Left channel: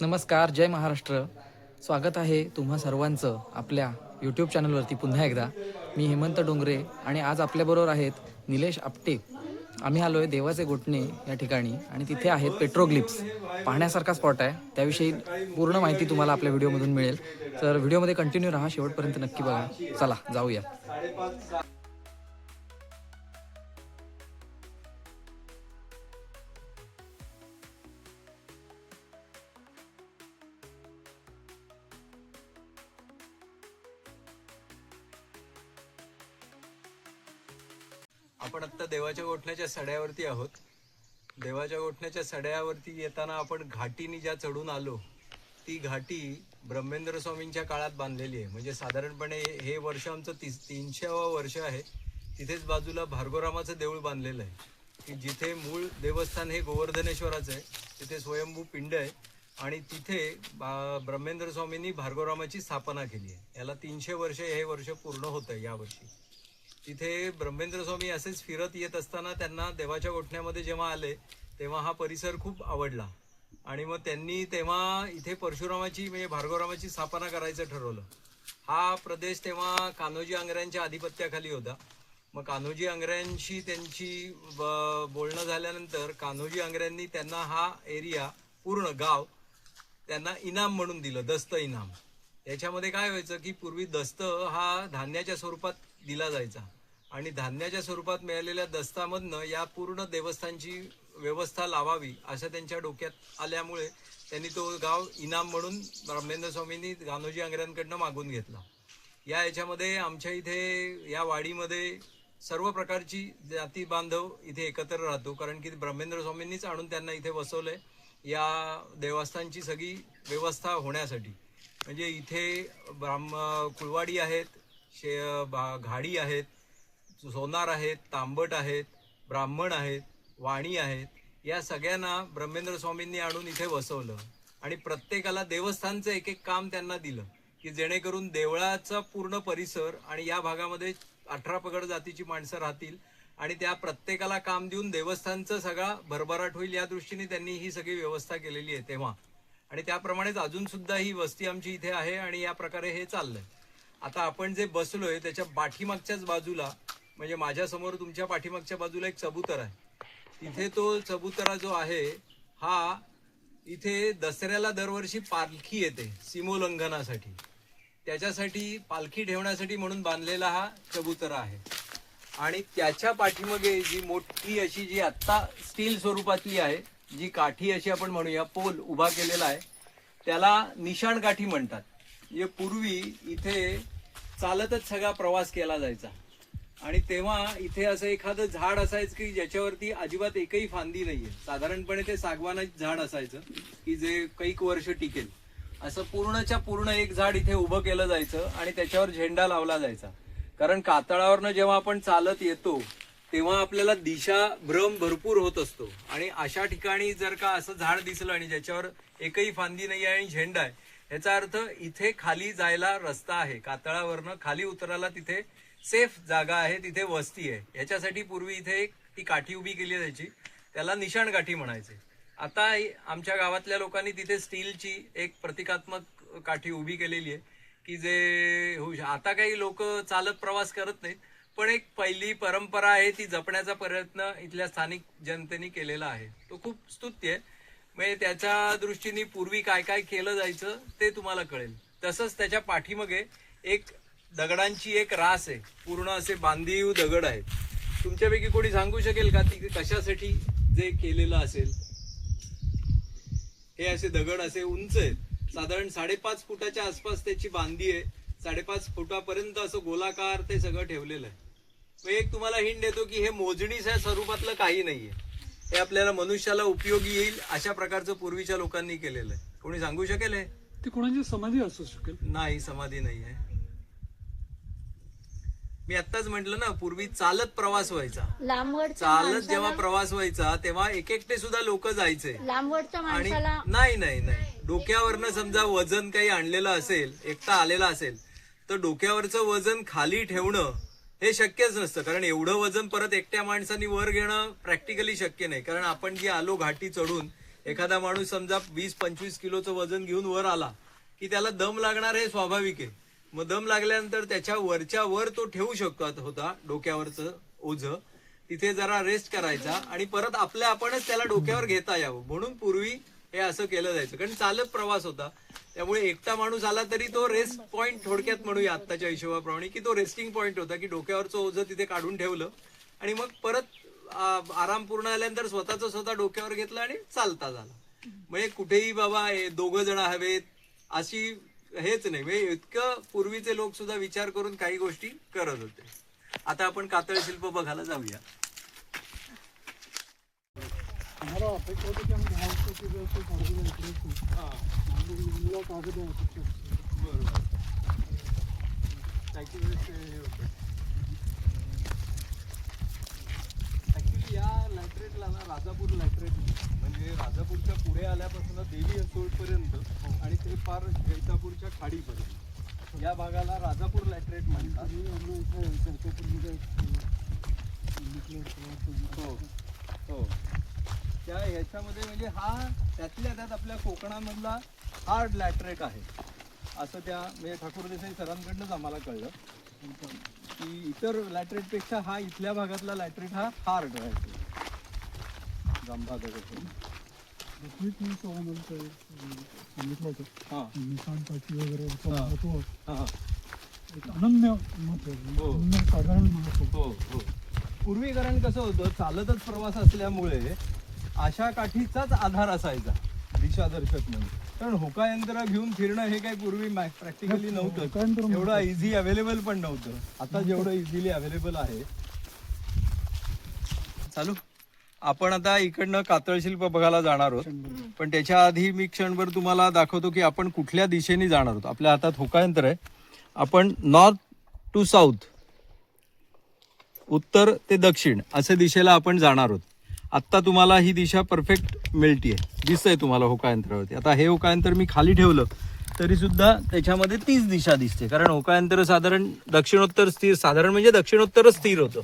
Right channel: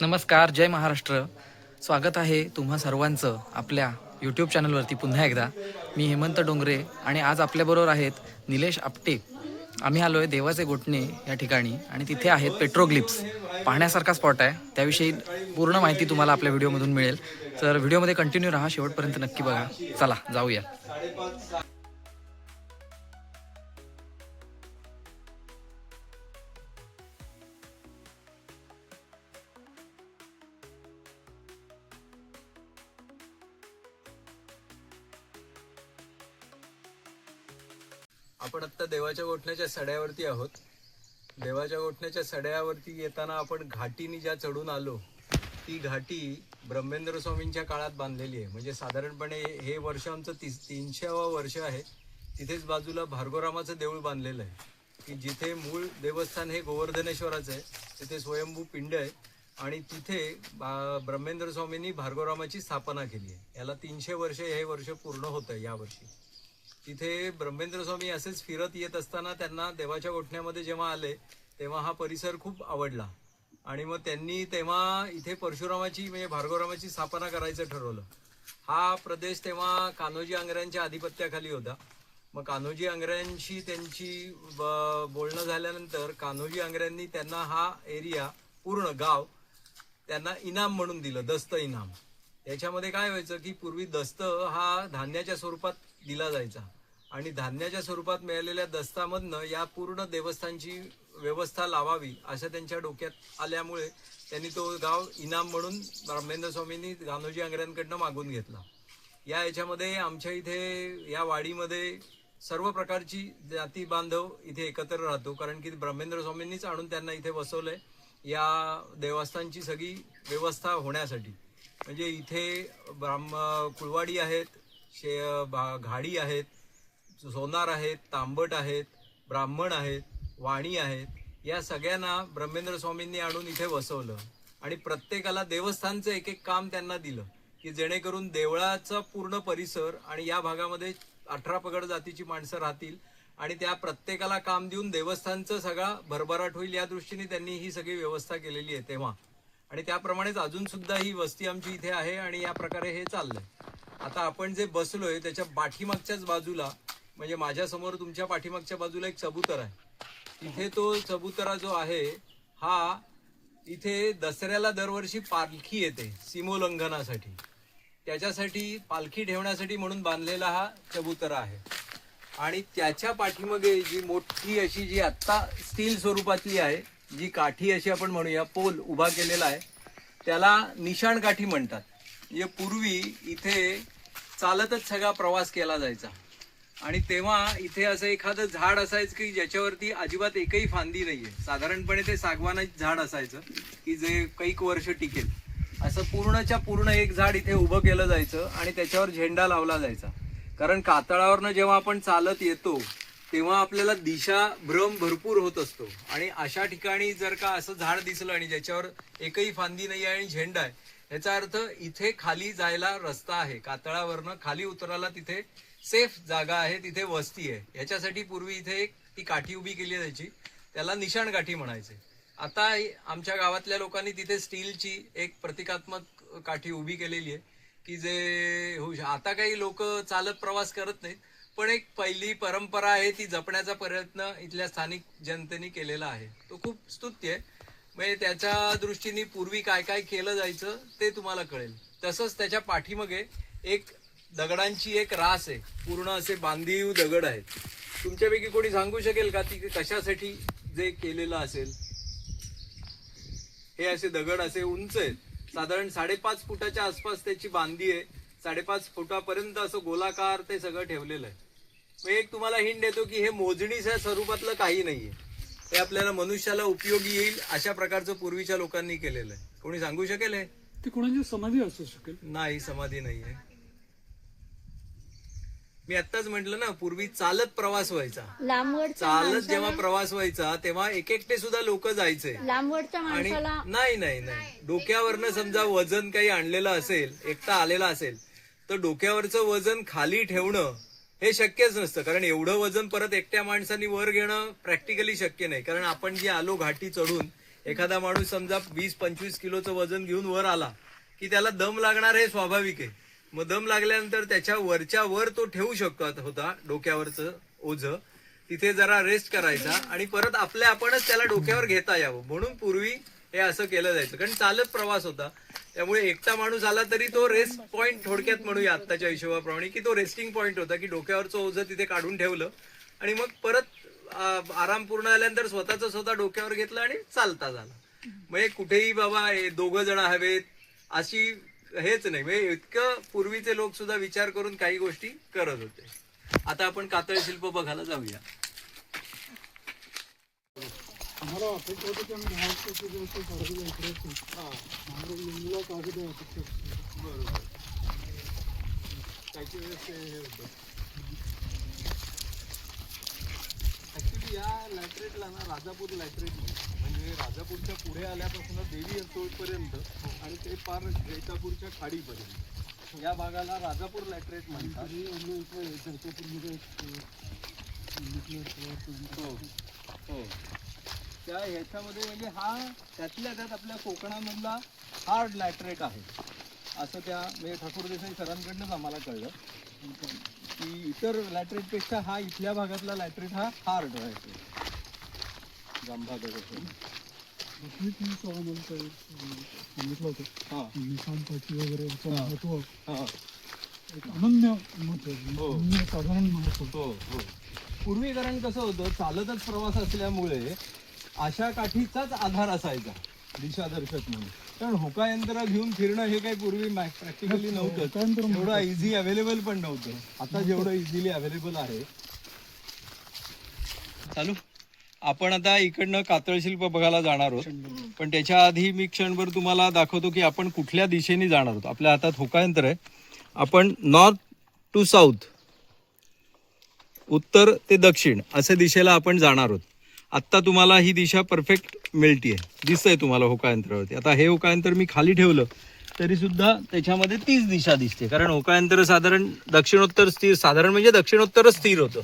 नमस्कार, जय महाराष्ट्र. स्वागत आहे तुम्हा सर्वांचं आपल्या यूट्यूब चॅनलवरती पुन्हा एकदा. मी हेमंत डोंगरे आणि आज आपल्याबरोबर आहेत निलेश आपटे. आम्ही आलो आहे देवाचे गोठणे या ठिकाणी आणि तिथे आहेत पेट्रोग्लिप्स. पाहण्यासारखा स्पॉट आहे. त्याविषयी पूर्ण माहिती तुम्हाला आपल्या व्हिडिओमधून मिळेल. तर व्हिडिओमध्ये कंटिन्यू राहा, शेवटपर्यंत नक्की बघा. चला जाऊया. आपण आता देवाच्या गोठण्याच्या सड्यावरती आहोत. देवाच्या गोठण्याच्या सड्यावरती येताना आपण घाटीनी ज्या चढून आलो ती घाटी ब्रह्मेंद्र स्वामींच्या काळात बांधलेली आहे. म्हणजे साधारणपणे हे वर्ष आमचं 300वं वर्ष आहे. तिथेच बाजूला भार्गवरामाचं देऊळ बांधलेलं आहे की जिथे मूळ देवस्थान हे गोवर्धनेश्वराचं आहे. तिथे स्वयंभू पिंड आहे आणि तिथे ब्रह्मेंद्र स्वामींनी भार्गवरामाची स्थापना केली आहे. याला 300 वर्ष हे वर्ष पूर्ण होतं आहे यावर्षी. तिथे ब्रह्मेंद्र स्वामी असेच फिरत येत असताना त्यांना देवाच्या गोठण्यामध्ये जेव्हा आले तेव्हा हा परिसर खूप आवडला आणि मग त्यांनी तेव्हा इथे परशुरामाची म्हणजे भार्गवरामाची स्थापना करायचं ठरवलं. हा प्रदेश तेव्हा कान्होजी आंग्र्यांच्या आधिपत्याखाली होता. मग कान्होजी आंग्र्यांशी त्यांची बोलणं झाल्यानंतर कान्होजी आंग्र्यांनी त्यांना हा एरिया पूर्ण गाव त्यांना इनाम म्हणून दिलं, दस्त इनाम. याच्यामध्ये काय व्हायचं की पूर्वी दस्त हा धान्याच्या स्वरूपात दिला जायचा आणि धान्याच्या स्वरूपात मिळालेल्या दस्तामधनं या पूर्ण देवस्थानची व्यवस्था लावावी असं त्यांच्या डोक्यात आल्यामुळे त्यांनी तो गाव इनाम म्हणून ब्रह्मेंद्र स्वामींनी कान्होजी आंग्र्यांकडनं मागून घेतला. याच्यामध्ये आमच्या इथे या वाडीमध्ये सर्व प्रकारची जाती बांधव इथे एकत्र राहतो, कारण की ब्रह्मेंद्र स्वामींनीच आणून त्यांना इथे बसवलंय या देवस्थानची सगळी व्यवस्था होण्यासाठी. म्हणजे इथे कुळवाडी आहेत, घाडी आहेत, सोनार आहेत, तांबट आहेत, ब्राह्मण आहेत, वाणी आहेत. या सगळ्यांना ब्रह्मेंद्र स्वामींनी आणून इथे बसवलं आणि प्रत्येकाला देवस्थानचं एक एक काम त्यांना दिलं की जेणेकरून देवळाचा पूर्ण परिसर आणि या भागामध्ये 18 पगड जातीची माणसं राहतील आणि त्या प्रत्येकाला काम देऊन देवस्थानचं सगळा भरभराट होईल या दृष्टीने त्यांनी ही सगळी व्यवस्था केलेली आहे तेव्हा. आणि त्याप्रमाणेच अजून सुद्धा ही वस्ती आमची इथे आहे आणि या प्रकारे हे चाललंय. आता आपण जे बसलोय त्याच्या पाठीमागच्याच बाजूला म्हणजे माझ्या समोर तुमच्या पाठीमागच्या बाजूला एक चबुतर आहे. तिथे तो चबुतरा जो आहे हा इथे दसऱ्याला दरवर्षी पालखी येते सीमोल्लंघनासाठी. त्याच्यासाठी पालखी ठेवण्यासाठी म्हणून बांधलेला हा चबुतरा आहे. आणि त्याच्या पाठीमागे जी मोठी अशी जी आत्ता स्टील स्वरूपातली आहे, जी काठी अशी आपण म्हणूया पोल उभा केलेला आहे, त्याला निशाण काठी म्हणतात. म्हणजे पूर्वी इथे चालतच सगळा प्रवास केला जायचा आणि तेव्हा इथे असं एखादं झाड असायचं की ज्याच्यावरती अजिबात एकही फांदी नाहीये. साधारणपणे ते सागवानाचं झाड असायचं की जे कैक वर्ष टिकेल. असं पूर्णच्या पूर्ण एक झाड इथे उभं केलं जायचं आणि त्याच्यावर झेंडा लावला जायचा. कारण कातळावरनं जेव्हा आपण चालत येतो तेव्हा आपल्याला दिशा भ्रम भरपूर होत असतो आणि अशा ठिकाणी जर का असं झाड दिसलं आणि ज्याच्यावर एकही फांदी नाही आहे आणि झेंडा आहे, याचा अर्थ इथे खाली जायला रस्ता आहे. कातळावरनं खाली उतरायला तिथे सेफ जागा आहे, तिथे वस्ती आहे. याच्यासाठी पूर्वी इथे एक ती काठी उभी केली जायची, त्याला निशाण काठी म्हणायचे. आता आमच्या गावातल्या लोकांनी तिथे स्टीलची एक प्रतिकात्मक काठी उभी केलेली आहे की जे होऊ आता काही लोक चालत प्रवास करत नाहीत, पण एक पहिली परंपरा आहे ती जपण्याचा प्रयत्न इथल्या स्थानिक जनतेने केलेला आहे. तो खूप स्तुत्य आहे. म्हणजे त्याच्या दृष्टीने पूर्वी काय काय केलं जायचं ते तुम्हाला कळेल. तसंच त्याच्या पाठीमागे एक दगडांची एक रास आहे, पूर्ण असे बांधीव दगड आहेत. तुमच्यापैकी कोणी सांगू शकेल का ती कशासाठी जे केलेलं असेल? हे असे दगड असे उंच आहेत, साधारण 5.5 फुटाच्या आसपास त्याची बांधी आहे. 5.5 फुटापर्यंत असं गोलाकार ते सगळं ठेवलेलं आहे. मग एक तुम्हाला हिंट देतो की हे मोजणीच्या स्वरूपातलं काही नाहीये, हे आपल्याला मनुष्याला उपयोगी येईल अशा प्रकारचं पूर्वीच्या लोकांनी केलेलं आहे. कोणी सांगू शकेल? हे ती कोणाची समाधी असू शकेल? नाही, समाधी नाही आहे. मी आत्ताच म्हटलं ना, पूर्वी चालत प्रवास व्हायचा. चालत जेव्हा प्रवास व्हायचा तेव्हा एकटे सुद्धा लोक जायचे आणि नाही नाही नाही डोक्यावरनं समजा वजन काही आणलेलं असेल, एकटा आलेला असेल तर डोक्यावरचं वजन खाली ठेवणं हे शक्यच नसतं. कारण एवढं वजन परत एकट्या माणसांनी वर घेणं प्रॅक्टिकली शक्य नाही. कारण आपण जे आलो घाटी चढून एखादा माणूस समजा 20-25 किलोचं वजन घेऊन वर आला की त्याला दम लागणार हे स्वाभाविक आहे. मग दम लागल्यानंतर त्याच्या वरच्या वर तो ठेवू शकतो होता डोक्यावरचं ओझं, तिथे जरा रेस्ट करायचा आणि परत आपल्या आपणच त्याला डोक्यावर घेता यावं म्हणून पूर्वी हे असं केलं जायचं. कारण चालत प्रवास होता, त्यामुळे एकटा माणूस आला तरी तो रेस्ट पॉइंट, थोडक्यात म्हणूया आत्ताच्या हिशोबाप्रमाणे, की तो रेस्टिंग पॉइंट होता, की डोक्यावरचं ओझं तिथे काढून ठेवलं आणि मग परत आराम पूर्ण झाल्यानंतर स्वतःच स्वतः डोक्यावर घेतलं आणि चालता झाला. म्हणजे कुठेही बाबा दोघं जण हवेत अशी हेच नाही. म्हणजे इतकं पूर्वीचे लोक सुद्धा विचार करून काही गोष्टी करत होते. आता आपण कातळ शिल्प बघायला जाऊया. आम्हाला अपेक्षा होती की आम्ही 10 वर्षाची जर कागद इकडे मुलीला कागद आहे. बरोबर. काही वेळेस हे होतं. ऍक्च्युली या लॅटरेटला ना राजापूर लॅटरेट म्हणजे राजापूरच्या पुढे आल्यापासून देवी असोपर्यंत आणि ते पार जैतापूरच्या खाडीपर्यंत या भागाला राजापूर लॅटरेट म्हणतात. हो हो. त्या ह्याच्यामध्ये म्हणजे हा त्यातल्या त्यात आपल्या कोकणामधला हार्ड लॅटरेट आहे असं त्या म्हणजे ठाकूर देसाई सरांकडनंच आम्हाला कळलं की इतर लॅटरेटपेक्षा हा इथल्या भागातला लॅटरेट हा हार्ड आहे. जांभागाचा सांगितलं होतं हां निशांताची वगैरे महत्व हां एक अनन्य महत्व, अनन्य साधारण महत्व. हो हो. पूर्वी कारण कसं होतं, चालतच प्रवास असल्यामुळे अशा काठीचाच आधार असायचा दिशादर्शक म्हणून. कारण होका यंत्र घेऊन फिरणं हे काही पूर्वी प्रॅक्टिकली नव्हतं, एवढं इझी अवेलेबल पण नव्हतं. आता जेवढं इझिली अवेलेबल आहे. चालू आपण आता इकडनं कातळ शिल्प बघायला जाणार आहोत, पण त्याच्या आधी मी क्षणभर तुम्हाला दाखवतो की आपण कुठल्या दिशेने जाणार आहोत. आपल्या हातात होका यंत्र आहे. आपण नॉर्थ टू साऊथ, उत्तर ते दक्षिण अशा दिशेला आपण जाणार आहोत. आत्ता तुम्हाला ही दिशा परफेक्ट मिळतीये, दिसतंय तुम्हाला होकायंत्रावरती. आता हे होकायंत्र मी खाली ठेवलं तरी सुद्धा त्याच्यामध्ये तीच दिशा दिसते, कारण होकायंत्र साधारण दक्षिणोत्तर स्थिर, साधारण म्हणजे दक्षिणोत्तरच स्थिर होतं.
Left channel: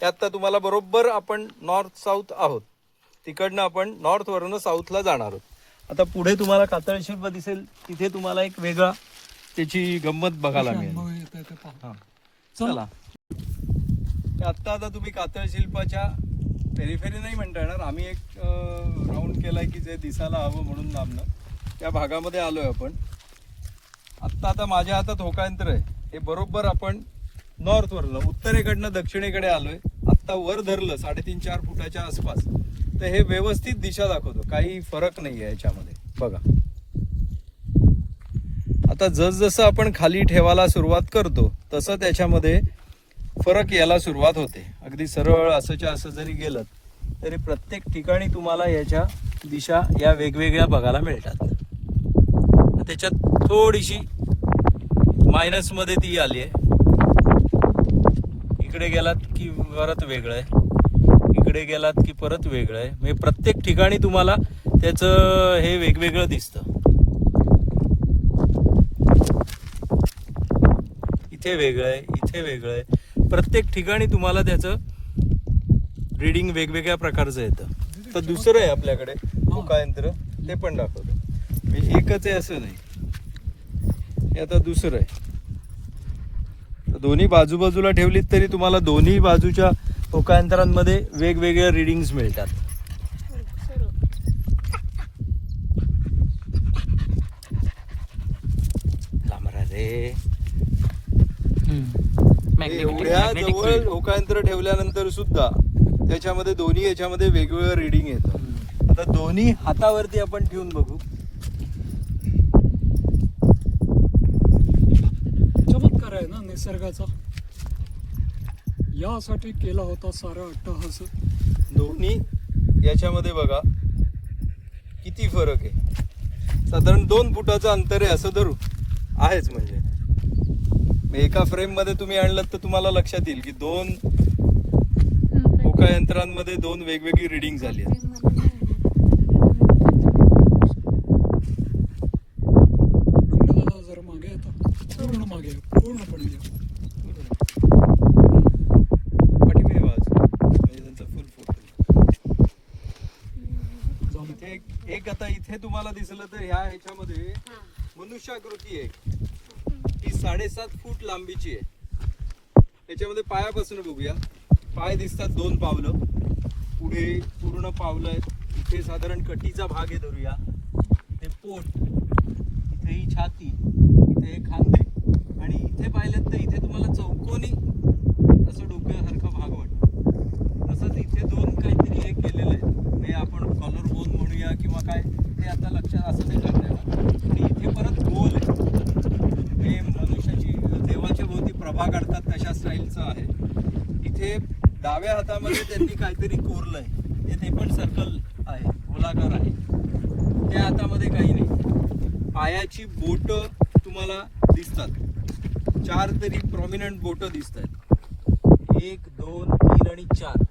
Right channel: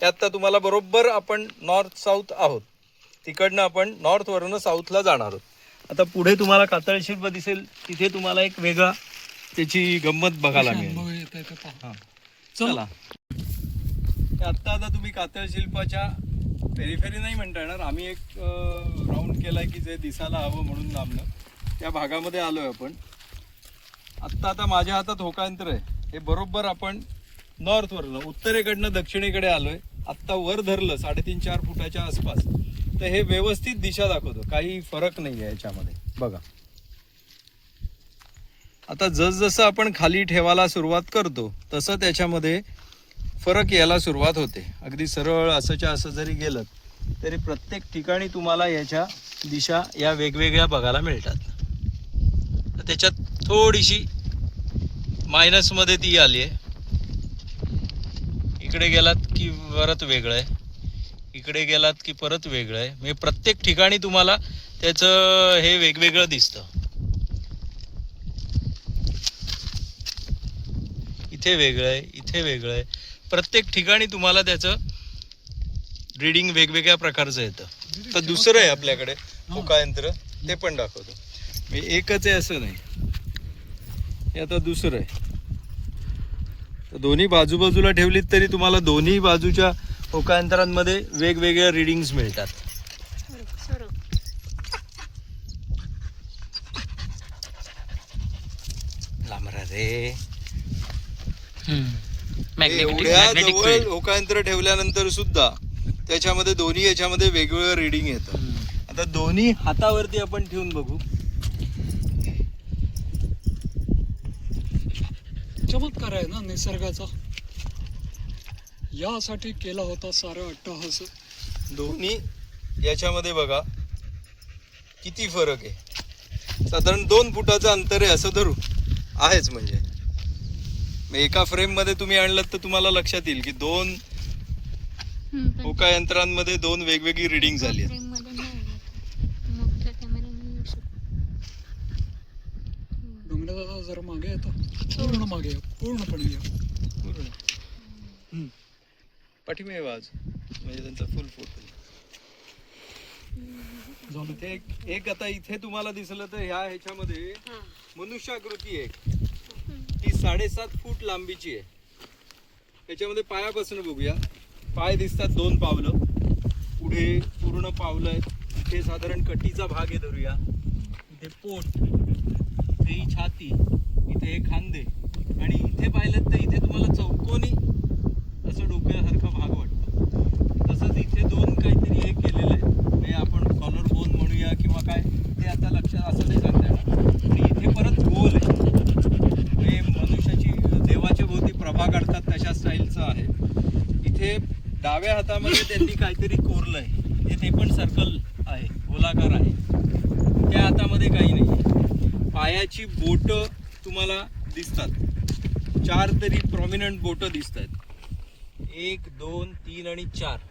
त्यात तुम्हाला बरोबर आपण नॉर्थ साऊथ आहोत, तिकडनं आपण नॉर्थवरून साऊथला जाणार आहोत. आता पुढे तुम्हाला कातळ शिल्प दिसेल, तिथे तुम्हाला एक वेगळा त्याची गंमत बघायला मिळेल. हां चला. आता तुम्ही कातळ शिल्पाच्या पेरिफेरी नाही म्हणता येणार, आम्ही एक राऊंड केलाय की जे दिसायला हवं म्हणून लांबनं त्या भागामध्ये आलोय आपण. आता माझ्या हातात होकायंत्र आहे, हे बरोबर आपण नॉर्थवरनं उत्तरेकडनं दक्षिणेकडे आलोय. आत्ता वर धरलं 3.5-4 फुटाच्या आसपास, तर हे व्यवस्थित दिशा दाखवतो, काही फरक नाही आहे याच्यामध्ये. बघा आता जसजसं आपण खाली ठेवायला सुरुवात करतो तसं त्याच्यामध्ये फरक यायला सुरुवात होते. अगदी सरळ असंच्या असं जरी गेलं तरी प्रत्येक ठिकाणी तुम्हाला याच्या दिशा या वेगवेगळ्या बघायला मिळतात. त्याच्यात थोडीशी मायनसमध्ये ती आली आहे. इकडे गेलात की परत वेगळं आहे, इकडे गेलात की परत वेगळं आहे. म्हणजे प्रत्येक ठिकाणी तुम्हाला त्याचं हे वेगवेगळं दिसतं. इथे वेगळं आहे, इथे वेगळं आहे. प्रत्येक ठिकाणी तुम्हाला त्याचं रीडिंग वेगवेगळ्या प्रकारचं येतं. तर दुसरं आहे आपल्याकडे होकायंत्र, ते पण दाखवतो. एकच आहे असं नाही, हे आता दुसरं आहे. तर दोन्ही बाजूबाजूला ठेवलीत तरी तुम्हाला दोन्ही बाजूच्या होकायंत्रांमध्ये वेगवेगळ्या रीडिंग्स मिळतात. लांबरा रे. एवढ्या जवळ होकायंत्र ठेवल्यानंतर सुद्धा त्याच्यामध्ये दोन्ही याच्यामध्ये वेगवेगळं रीडिंग येतं. आता दोन्ही हातावरती आपण ठेवून बघू. चमत्कार आहे ना निसर्गाचा, यासाठी केला होता सारा अट्टहास. दोन्ही याच्यामध्ये बघा किती फरक आहे. साधारण 2 फुटाचं अंतर आहे असं धरू, आहेच. म्हणजे एका फ्रेम मध्ये तुम्ही आणलं तर तुम्हाला लक्षात येईल की 2 होकायंत्रांमध्ये 2 वेगवेगळी रीडिंग झाली आहे. जरा मागे आता, पूर्ण मागे, पूर्णपणे पाठीमागे बाजू म्हणजे त्यांचा फुल फोटो. एक आता इथे तुम्हाला दिसलं तर ह्याच्यामध्ये मनुष्याकृती आहे, ती 7.5 फूट लांबीची आहे. याच्यामध्ये पायापासून बघूया. पाय दिसतात 2 पावलं, पुढे पूर्ण पावलं आहेत. इथे साधारण कटीचा भाग आहे धरूया. इथे पोट, इथे ही छाती, इथे हे खांदे, आणि इथे पाहिलं तर इथे तुम्हाला चौकोनी असं डोक्यासारखा भाग वाटतो. तसंच इथे 2 काहीतरी हे केलेलं आहे, म्हणजे आपण कॉलर बोन म्हणूया किंवा काय, ते आता लक्षात असं नाही सांगता येणार. आणि इथे परत गोल आहे, हे मनुष्याची देवाच्या भोवती प्रभा काढतात तशा स्टाईलचं आहे. इथे डाव्या हातामध्ये त्यांनी काहीतरी कोरलंय, ते पण सर्कल आहे, गोलाकार आहे. त्या हातामध्ये काही नाही. पायाची बोट तुम्हाला दिसतात, 4 तरी प्रॉमिनंट बोट दिसत आहेत. 1, 2, 3 आणि 4.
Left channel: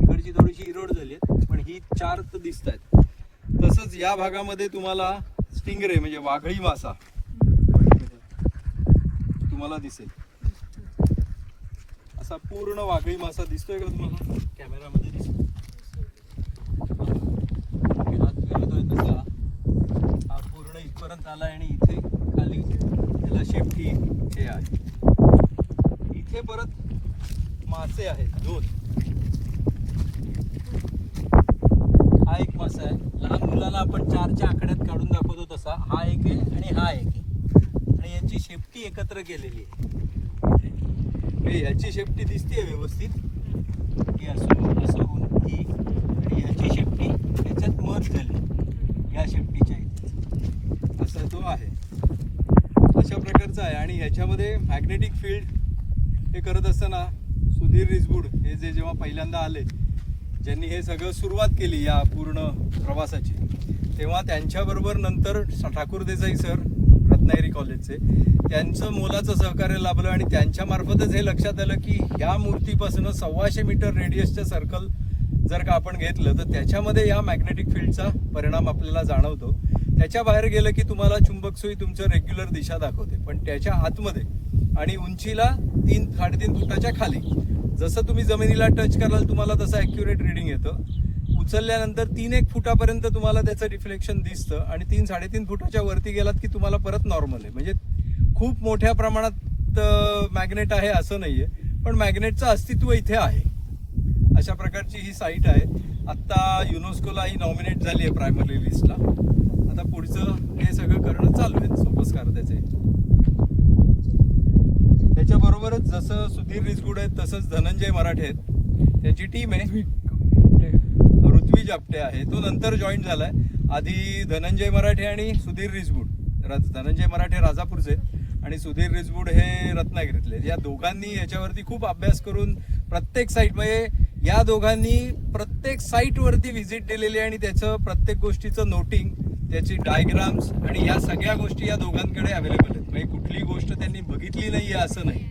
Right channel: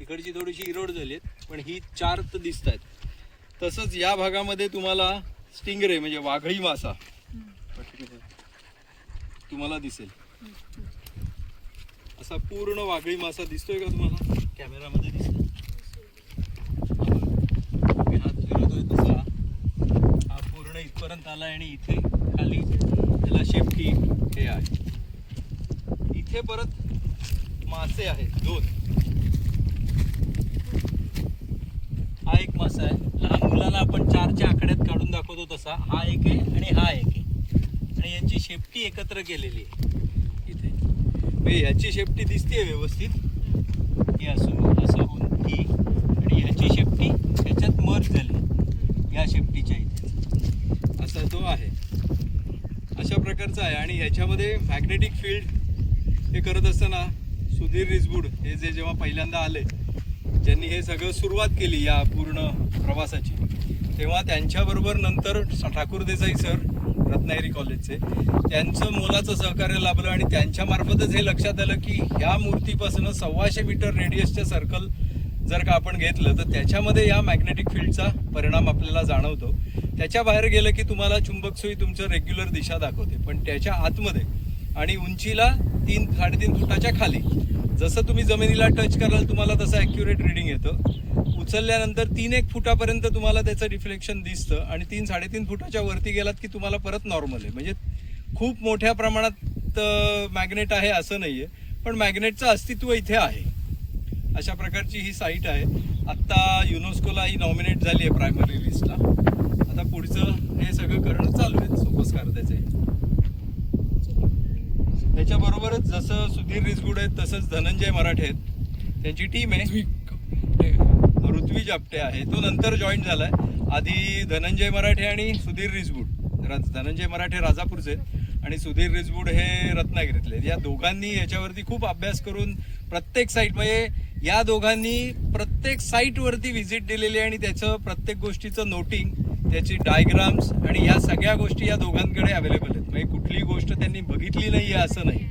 इकडची थोडीशी इरोड झाली आहेत, पण ही 4 तर दिसत आहेत. तसंच या भागामध्ये तुम्हाला स्टिंगरे म्हणजे वाघळी मासा तुम्हाला दिसेल. असा पूर्ण वाघळी मासा दिसतोय का तुम्हाला? कॅमेरामध्ये दिसतो. हात फिरवतोय तसा हा पूर्ण इथपर्यंत आला, आणि इथे खाली त्याला शेपटी हे आहे. इथे परत मासे आहेत 2. हा एक मासा आहे, लहान मुलाला आपण 4च्या आकड्यात काढून दाखवतो तसा हा एक आहे, आणि हा एक आहे. आणि यांची शेपटी एकत्र केलेली आहे इथे. ह्याची शेपटी दिसते व्यवस्थित, ही असं होऊन ही, आणि ह्याची शेपटी ह्याच्यात मर्ज झाली या शेपटीच्या इथे. असा तो आहे, अशा प्रकारचा आहे. आणि ह्याच्यामध्ये मॅग्नेटिक फील्ड हे करत असताना सुधीर रिसबूड हे जेव्हा पहिल्यांदा आले, ज्यांनी हे सगळं सुरुवात केली या पूर्ण प्रवासाची, तेव्हा त्यांच्याबरोबर नंतर ठाकूर देसाई सर रत्नागिरी कॉलेजचे, त्यांचं मोलाचं सहकार्य लाभलं. आणि त्यांच्यामार्फतच हे लक्षात आलं की ह्या मूर्तीपासून 125 मीटर रेडियसचं सर्कल जर का आपण घेतलं तर त्याच्यामध्ये या मॅग्नेटिक फील्डचा परिणाम आपल्याला जाणवतो. त्याच्या बाहेर गेलं की तुम्हाला चुंबक सुई तुमचं रेग्युलर दिशा दाखवते, पण त्याच्या आतमध्ये आणि उंचीला 3-3.5 फुटाच्या खाली जसं तुम्ही जमिनीला टच कराल तुम्हाला तसं ॲक्युरेट रिडिंग येतं. उचलल्यानंतर 3-1 फुटापर्यंत तुम्हाला त्याचं रिफ्लेक्शन दिसतं, आणि 3-3.5 फुटाच्या वरती गेलात की तुम्हाला परत नॉर्मल आहे. म्हणजे खूप मोठ्या प्रमाणात मॅग्नेट आहे असं नाही आहे, पण मॅग्नेटचं अस्तित्व इथे आहे. अशा प्रकारची ही साईट आहे. आत्ता युनेस्कोला ही नॉमिनेट झाली आहे प्रायमरी लिस्टला. आता पुढचं हे सगळं करणं चालू आहे सोपस्कार त्याचे. त्याच्याबरोबरच जसं सुधीर रिसबूड आहेत तसंच धनंजय मराठे आहेत, त्यांची टीम आहे. ऋत्विज आपटे आहे, तो नंतर जॉईन झालाय. आधी धनंजय मराठे आणि सुधीर रिसबूड. धनंजय मराठे राजापूरचे आणि सुधीर रिसबूड हे रत्नागिरीतले. या दोघांनी याच्यावरती खूप अभ्यास करून प्रत्येक साईट, म्हणजे या दोघांनी प्रत्येक साईटवरती व्हिजिट दिलेली आहे, आणि त्याचं प्रत्येक गोष्टीचं नोटिंग, त्याची डायग्राम्स आणि या सगळ्या गोष्टी या दोघांकडे अवेलेबल आहेत. म्हणजे कुठली गोष्ट त्यांनी बघितली नाही आहे असं नाही.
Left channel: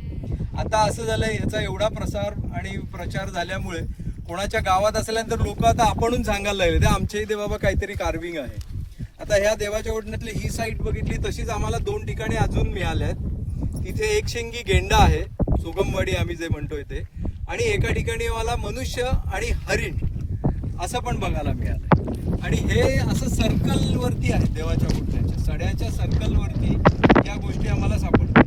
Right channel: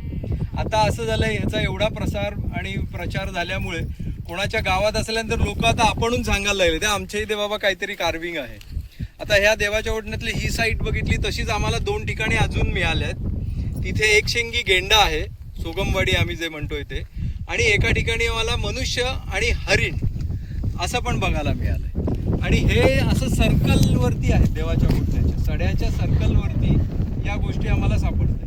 आता असं झालंय, ह्याचा एवढा प्रसार आणि प्रचार झाल्यामुळे कोणाच्या गावात असल्यानंतर लोक आता आपणून सांगायला लागले, ते आमच्या इथे बाबा काहीतरी कार्विंग आहे. आता ह्या देवाच्या ओढण्यातली ही साईट बघितली, तशीच आम्हाला 2 ठिकाणी अजून मिळाल्या आहेत. तिथे एक शेंगी गेंडा आहे, सोगमवाडी आम्ही जे म्हणतोय ते, आणि एका ठिकाणी मला मनुष्य आणि हरिण असं पण बघायला मिळालंय. आणि हे असं सर्कलवरती आहे, देवाच्या ओढण्याच्या सड्याच्या सर्कलवरती या गोष्टी आम्हाला सापडतात.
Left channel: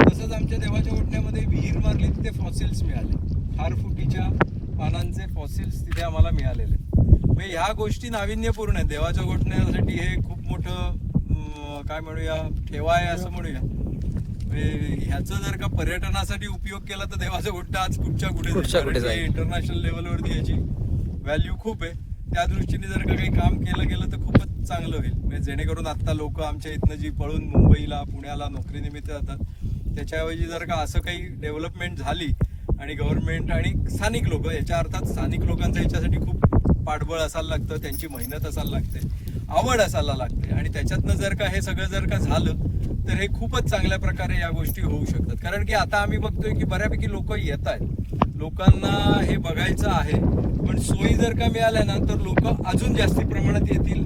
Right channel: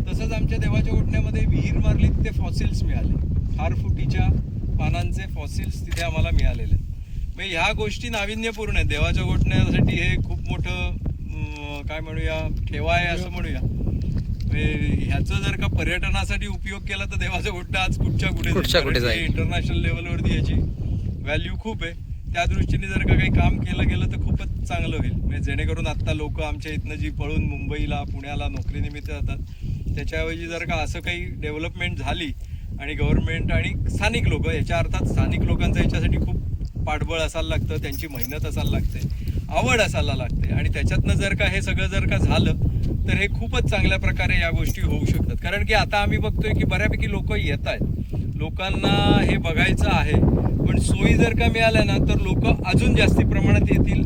तसंच आमच्या देवाच्या ओढण्यामध्ये विहीर मारली, तिथे फॉसिल्स मिळाले, 4 फुटीच्या पानांचे फॉसिल्स तिथे आम्हाला मिळालेले. म्हणजे ह्या गोष्टी नाविन्यपूर्ण आहेत. देवाच्या गोठण्यासाठी हे खूप मोठं काय म्हणूया ठेवा आहे असं म्हणूया. ह्याचं जर का पर्यटनासाठी उपयोग केला तर देवाचं गोठणं आज कुठच्या कुठे जाईल. इंटरनॅशनल लेवलवरती याची व्हॅल्यू खूप आहे. त्या दृष्टीने जर का काही काम केलं गेलं तर खूपच चांगलं होईल. म्हणजे जेणेकरून आत्ता लोक आमच्या इथनं जी पळून मुंबईला पुण्याला नोकरीनिमित्त जातात, त्याच्याऐवजी जर का असं काही डेव्हलपमेंट झाली आणि गव्हर्नमेंट आणि स्थानिक लोक, याच्या अर्थात स्थानिक लोकांचं याच्यासाठी खूप पाठबळ असायला लागतं, त्यांची मेहनत असायला लागते, आवड असायला लागते, आणि त्याच्यातनं जर का हे सगळं जर का झालं तर हे खूपच चांगल्या प्रकारे या गोष्टी होऊ शकतात. कारण की आता आम्ही बघतोय की बऱ्यापैकी लोक येत आहेत, लोकांना हे बघायचं आहे, पण सोयी जर का मिळाल्या ना तर लोक अजून जास्ती प्रमाणात येतील,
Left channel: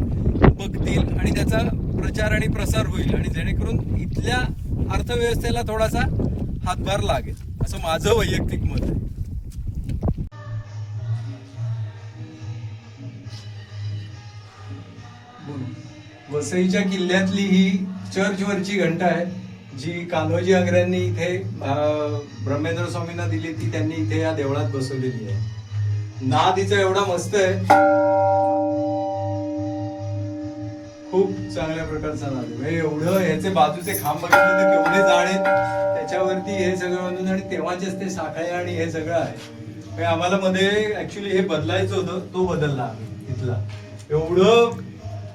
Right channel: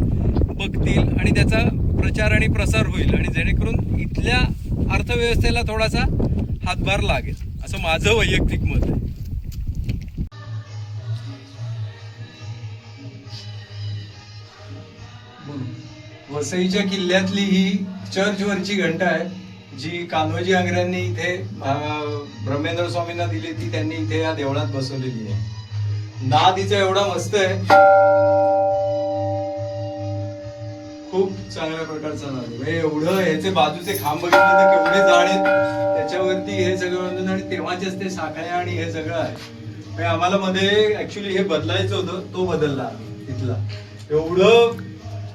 बघतील, आणि त्याचा प्रचार आणि प्रसार होईल, आणि जेणेकरून इथल्या अर्थव्यवस्थेला थोडासा हातभार लागेल असं माझं वैयक्तिक मत आहे. बोल. वसईच्या किल्ल्यातली ही चर्चवरची घंटा आहे, जी कान्होजी आंग्र्यांनी इथे ब्रह्मेंद्र स्वामींना दिली, ती त्यांनी इथे या देवळात बसवलेली आहे. नाद हिचा एवढा मस्त आहे, खूप चांगल्या प्रकारचा नाद आहे. म्हणजे एवढं याचे बाजूचे खांब बघितले तर केवढे जाड आहेत, त्याच्यावरती हे सगळं बांधून आणि तेव्हाचेच ते साखळ्या आणि हे सगळं आहे. म्हणजे आम्हाला मध्ये ऍक्च्युली हे बदलायचं होतं, तो बदलला तिथला. एवढं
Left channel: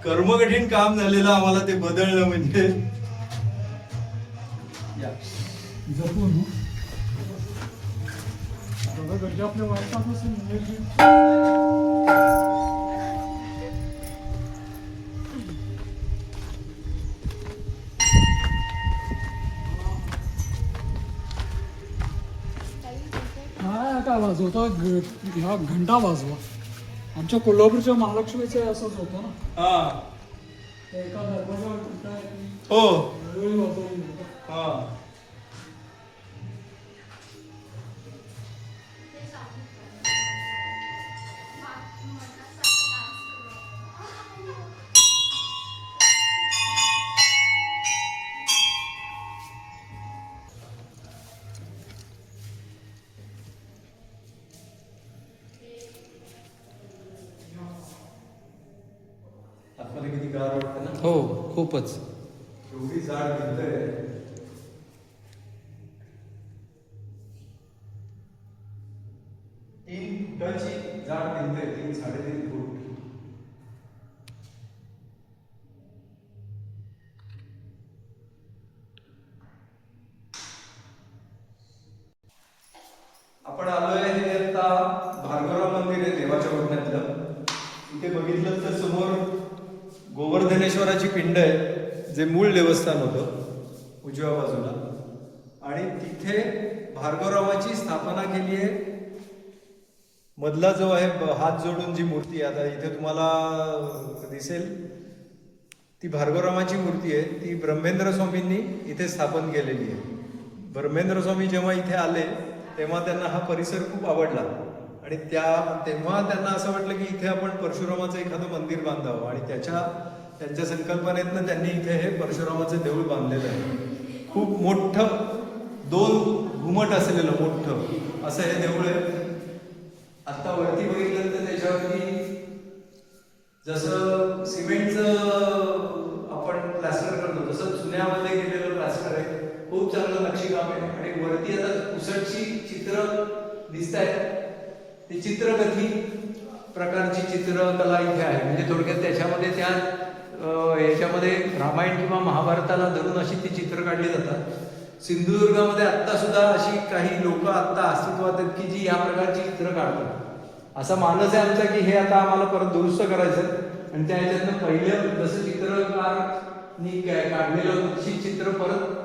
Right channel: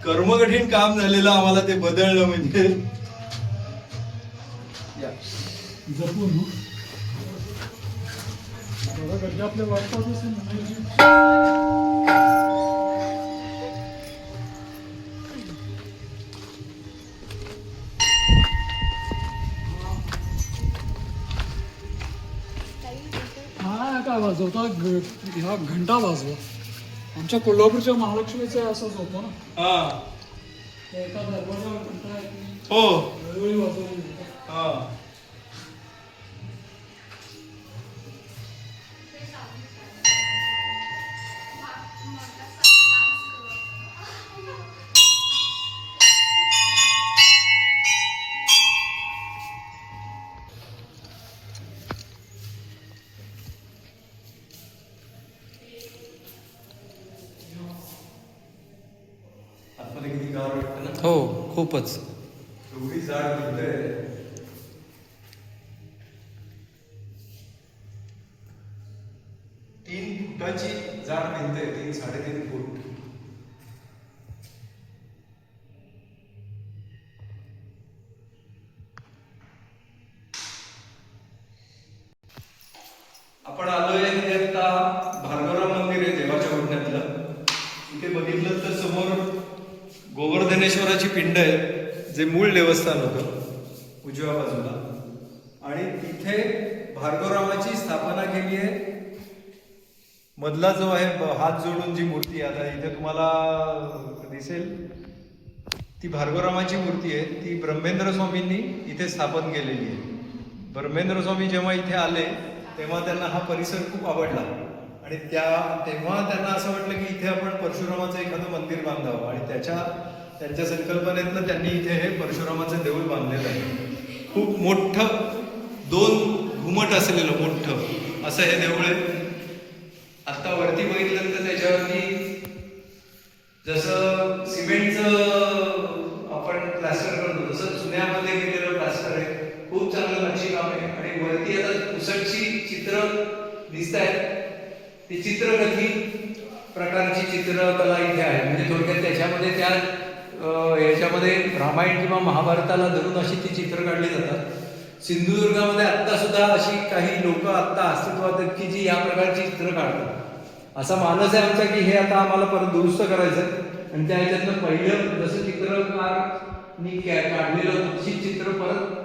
कर्मकठीण काम झालेलं आम्हाला ते बदललं म्हणजे जपून बघा गड्डे आपल्या वाटतात असेल. हा काय वाजवतो ह्या घंटा वाजवा. आमच्या कोल्हापूरच्या महालक्ष्मीचं असंच होतं ना. हा ते एका दरवाजावर घंटा आहे ती हो वेळोवेळी वाजवली जाते. हा आतमध्ये किती गार वाटतं ना. हो खूपच. एवढी जाड भिंत आहे. 3 फुटाची जाड भिंत आहे, 3-3.5 फूट. आपण आलोय हे आता भार्गवराव मंदिर आहे देवाच्या घोटण्यातलं. इथे बघितलं तर समोर गोवर्धनेश्वराची पिंड आहे, जे मूळ देवस्थान होतं उजव्या बाजूला. आणि तिथे भार्गवरावाची स्थापना केली आहे. मधला जो आहे हात जोडून जी मूर्ती आता इथे तुम्हाला दिसेल, ती भार्गवरावाची मूर्ती आहे. ती ब्रह्मेंद्र स्वामींनी इथे स्थापन केलेली आहे. ब्रह्मेंद्र स्वामी जेव्हा इथे आले तेव्हा त्यांना हा परिसर खूप आवडला आणि तेव्हा त्यांना असं वाटलं की इथे आपण परशुरामाचं एखादं मंदिर बांधावं आणि त्यांच्या संकल्पनेतनं त्यांनी इथे हे परशुरामाचं देऊळ बांधलेलं आहे. खूप मोठं 2 घुमट असलेलं मोठं असं हे देऊळ आहे. आता वरती बघितलं तर त्याच्यावरती जसं सिमेंटचं आपण प्लास्टर करतो तसं चुन्यामध्ये केलेलं प्लास्टर आहे. खूप चांगलं नक्षीकाम आहे. आणि वरती आता पुसटची चित्र दिसत आहेत, ती चित्रकथी प्रकारची चित्रकला इथे आहे. म्हणजे थोडक्यात त्याच्यामध्ये याच्यामध्ये रामायण किंवा महाभारताला धरून अशी ती चित्र काढली जातात. सिंधुदुर्गामध्ये आत्ता सुद्धा अशी काही लोक आत्ता अस्तित्वात आहेत की जी या प्रकारची चित्र काढतात. असा मानस आहे आमचा की हे आता आम्हाला परत दुरुस्त करायचं आणि त्या ह्याच्यातनं पहिलं जसं चित्रकारांनी काढलेलं तशी चित्र परत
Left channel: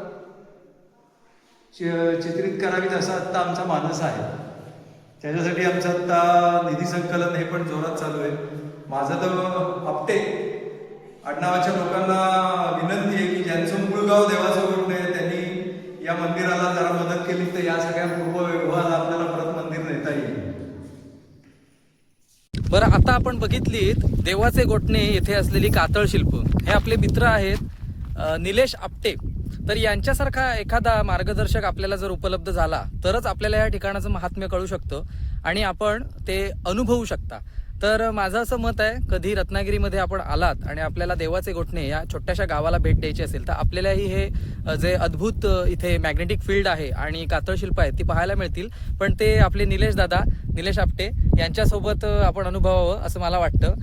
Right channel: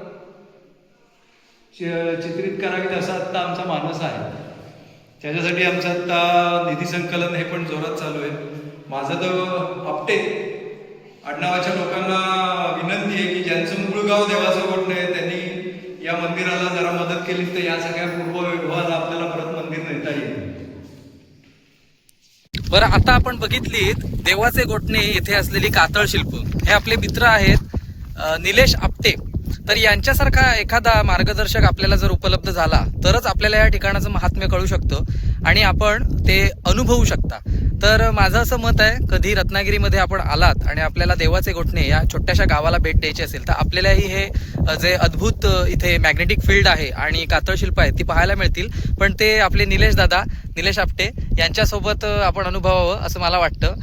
चित्रित करावीत असा आत्ता आमचा मानस आहे. त्याच्यासाठी आमचं आत्ता निधी संकलन हे पण जोरात चालू आहे. माझं तर आपटे आडनावाच्या लोकांना विनंती आहे की ज्यांचं मूळ गाव देवाचं गोठणे आहे त्यांनी या मंदिराला जरा मदत केली तर या सगळ्या पूर्ववैभवाला आपल्याला परत मंदिर नेता येईल. बरं, आता आपण बघितलीत देवाचे गोठणे येथे असलेली कातळ शिल्प. हे आपले मित्र आहेत निलेश आपटे. तर यांच्यासारखा एखादा मार्गदर्शक आपल्याला जर उपलब्ध झाला तरच आपल्याला या ठिकाणाचं महात्म्य कळू शकतं आणि आपण ते अनुभवू शकता. तर माझं असं मत आहे, कधी रत्नागिरीमध्ये आपण आलात आणि आपल्याला देवाचे गोठणे या छोट्याशा गावाला भेट द्यायची असेल तर आपल्यालाही हे जे अद्भुत इथे मॅग्नेटिक फील्ड आहे आणि कातळशिल्प आहेत ती पाहायला मिळतील. पण ते आपले निलेश आपटे यांच्यासोबत आपण अनुभवावं असं मला वाटतं.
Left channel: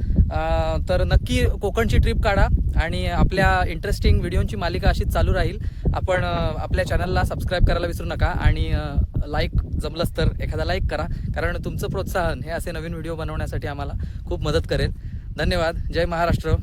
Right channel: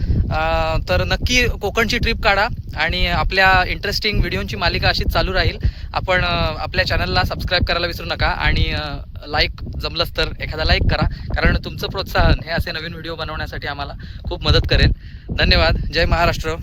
तर नक्की कोकणची ट्रिप काढा आणि आपल्या इंटरेस्टिंग व्हिडिओंची मालिका अशीच चालू राहील. आपण आपल्या चॅनलला सबस्क्राईब करायला विसरू नका आणि लाईक जमलंच तर एखादा लाईक करा, कारण तुमचं प्रोत्साहन हे असे नवीन व्हिडिओ बनवण्यासाठी आम्हाला खूप मदत करेल. धन्यवाद. जय महाराष्ट्र.